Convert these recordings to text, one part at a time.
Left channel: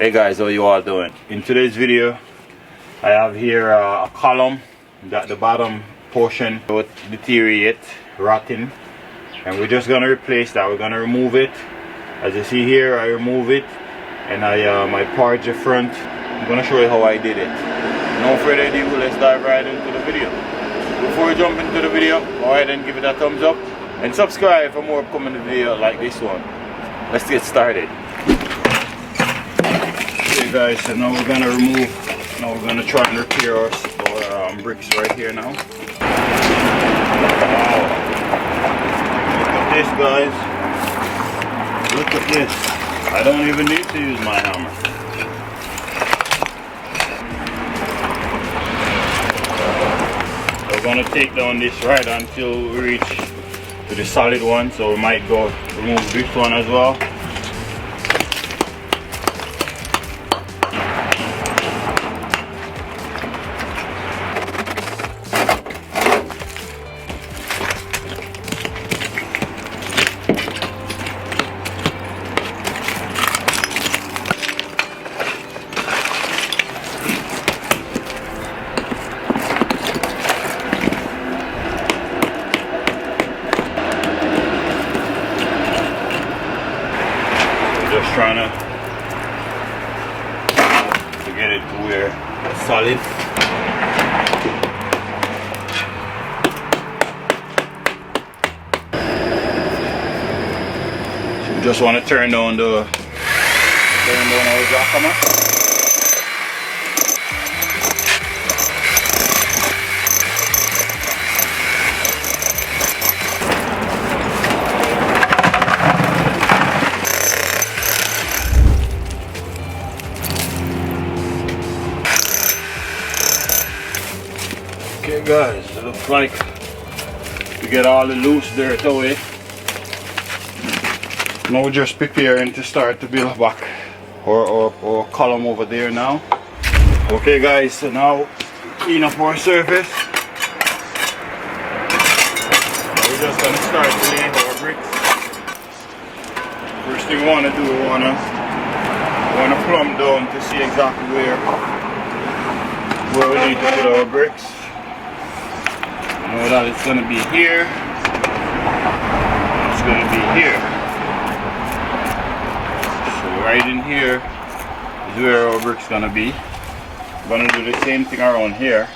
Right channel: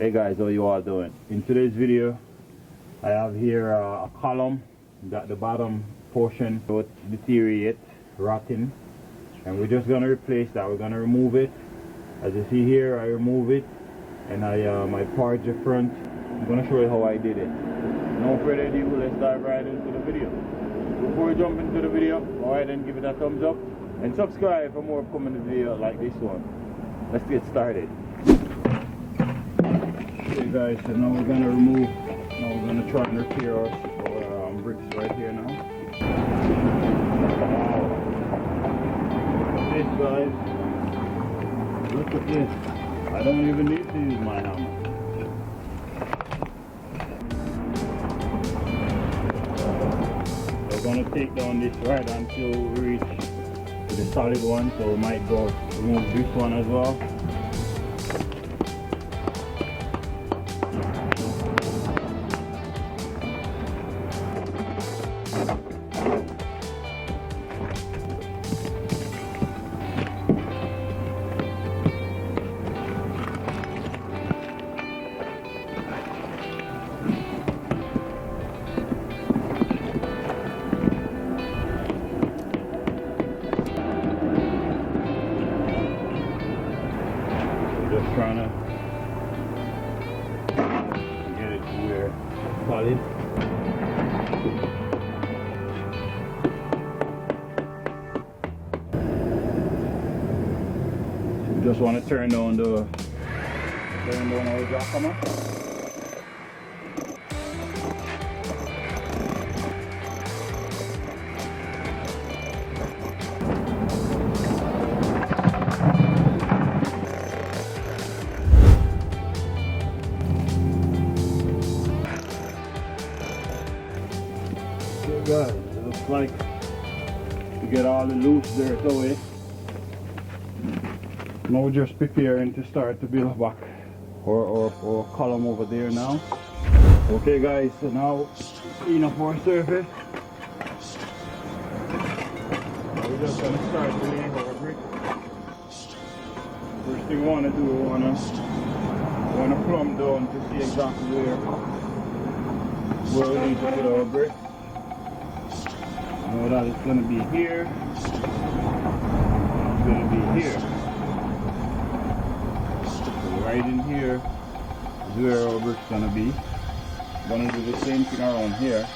Hey guys, how you all doing? In today's video I have here a column that the bottom portion would deteriorate, rotting, and we're just gonna replace that. We're gonna remove it. As you see here, I remove it and I parge the front. I'm gonna show you how I did it. No further ado, let's dive right into the video. Before we jump into the video, go ahead and give it a thumbs up and subscribe for more upcoming videos like this one. Let's get started. Okay guys, so now we're gonna we're gonna try and repair our bricks right here now. Wow. Look at this guys. Look at this. I don't even need to use my hammer. We're gonna take down this right until we reach to the solid one, so we might go remove this one as well. Just trying to get it to where it's solid. So we just want to turn down our jack hammer. Okay guys, it looks like we get all the loose dirt away. Now we're just preparing to start to build back our column over there now. Okay guys, so now clean up our surface. We're just going to start to lay our bricks. First thing we want to do, we want to plumb down to see exactly where we need to put our bricks. Know that it's going to be here, it's going to be here. So right in here is where our brick's going to be. I'm going to do the same thing around here.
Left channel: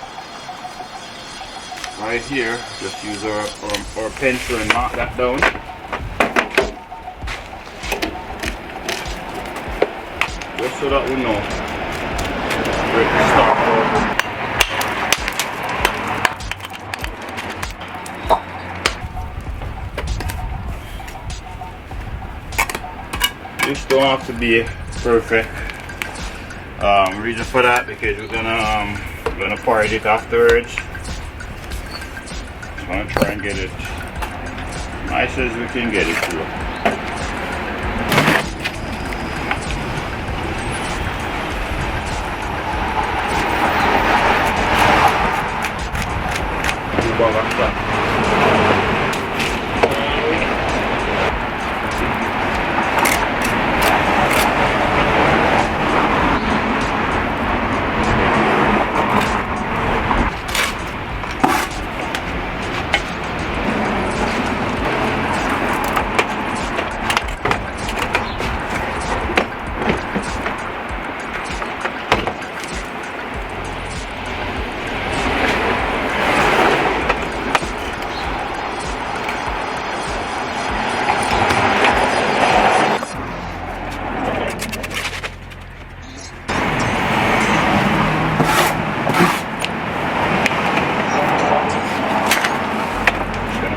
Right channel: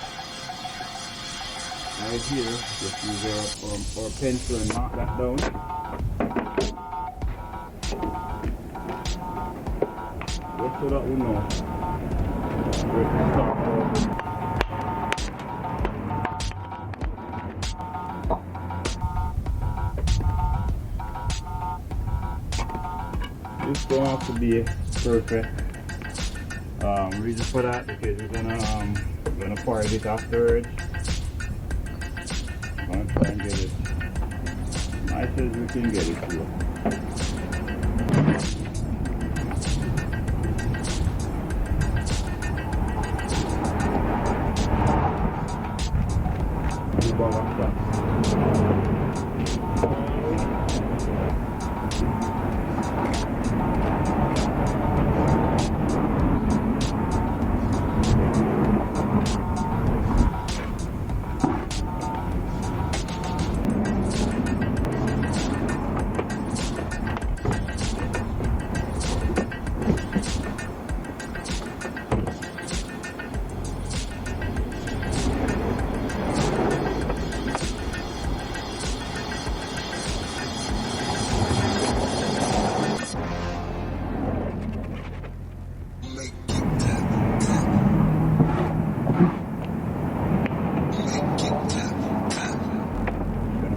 Right here, just use our pencil and knock that down. Just so that we know where to start our brick. This don't have to be perfect reason for that, because we're gonna part it afterwards. I'm gonna try and get it nice as we can get it through.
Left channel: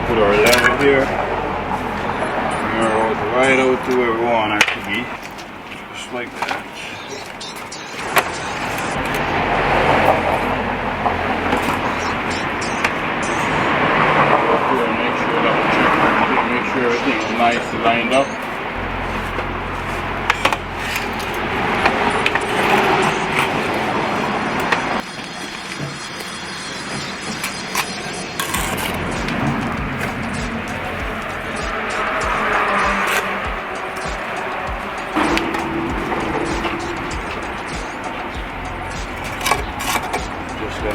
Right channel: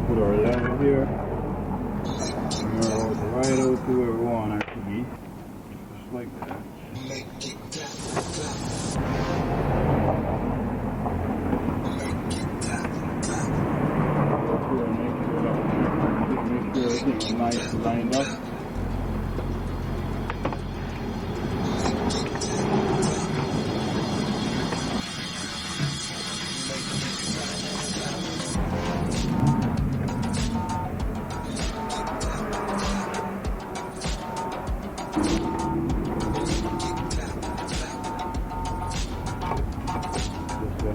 Put our level here, mirror right out to where we want it to be, just like that. Make sure everything is nice and lined up.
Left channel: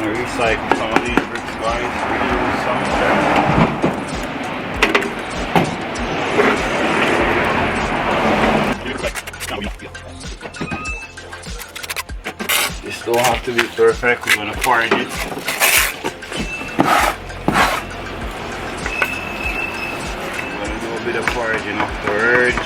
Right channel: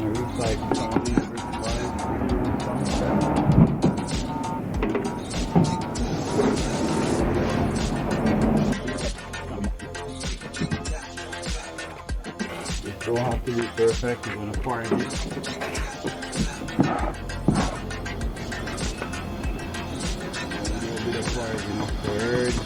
gonna recycle some of these bricks, guys. Reuse some of them. This don't have to be perfect. We're gonna forge it. Gonna do a bit of foraging afterwards.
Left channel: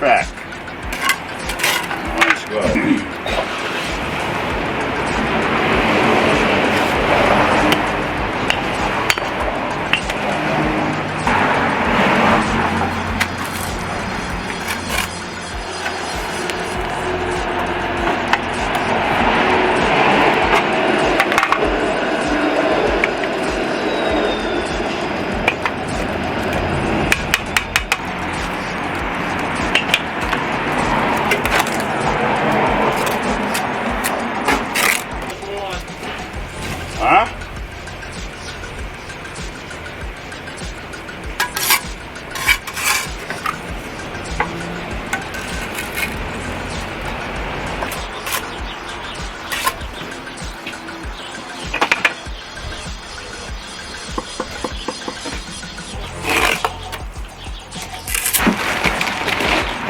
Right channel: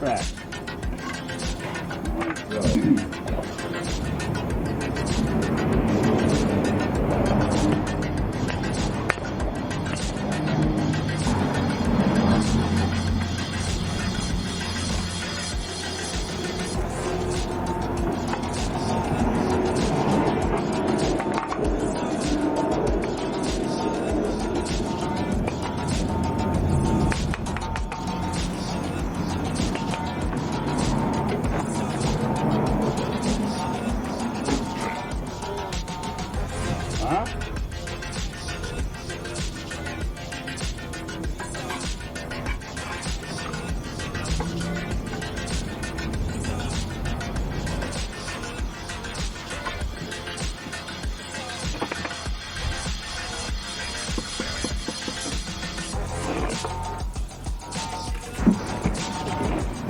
Back. Let's go. Huh?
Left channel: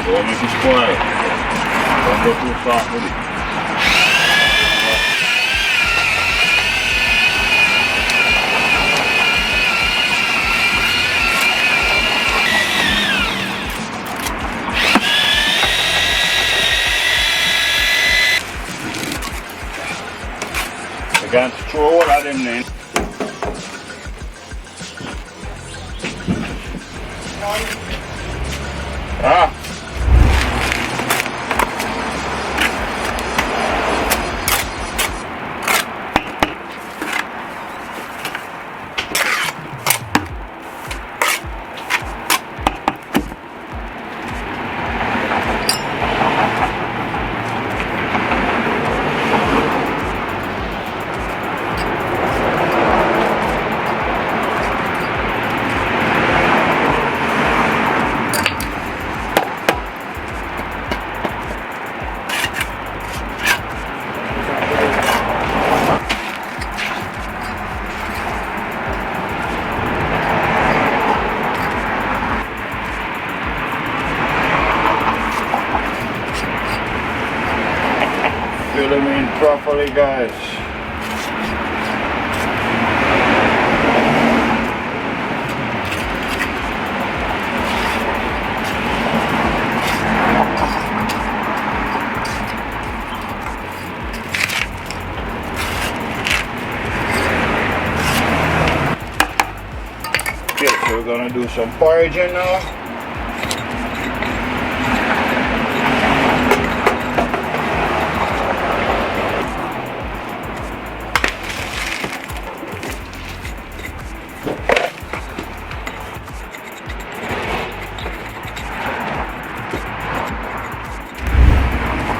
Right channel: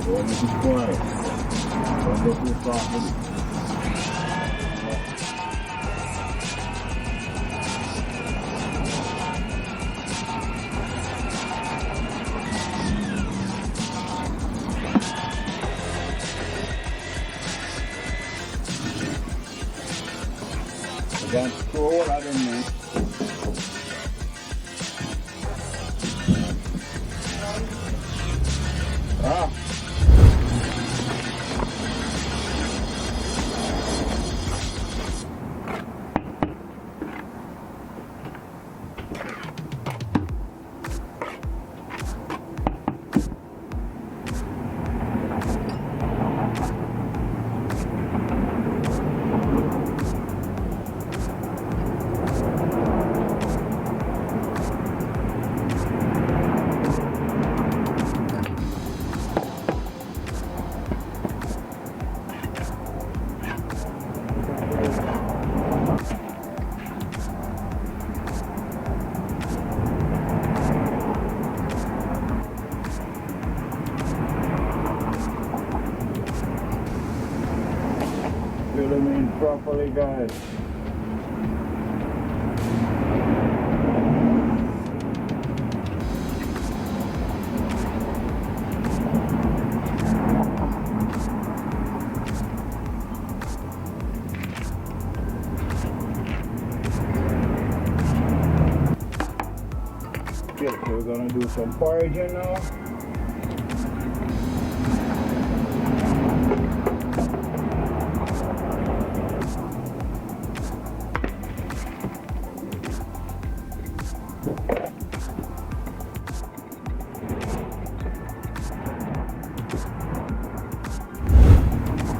Don't make it spoil. Don't go too fast with it. We're going to throw all of them in. Ah. Fill them in properly, guys. Okay, so we're gonna do some foraging now.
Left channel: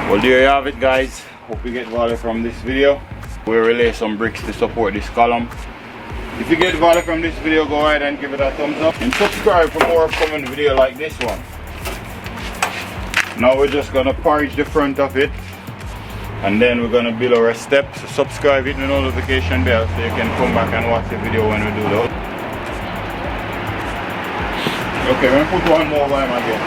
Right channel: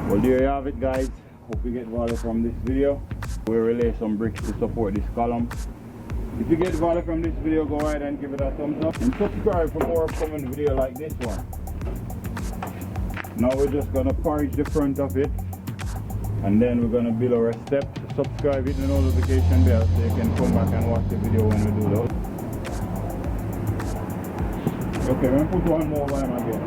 Well, there you have it, guys. Hope you get value from this video. We'll relay some bricks to support this column. If you get value from this video, go ahead and give it a thumbs up and subscribe for more upcoming video like this one. Now we're just gonna purge the front of it, and then we're gonna build our steps. So subscribe, hit the notification bell so you can come back and watch the video when we do those. Okay, we're gonna put one more lime again.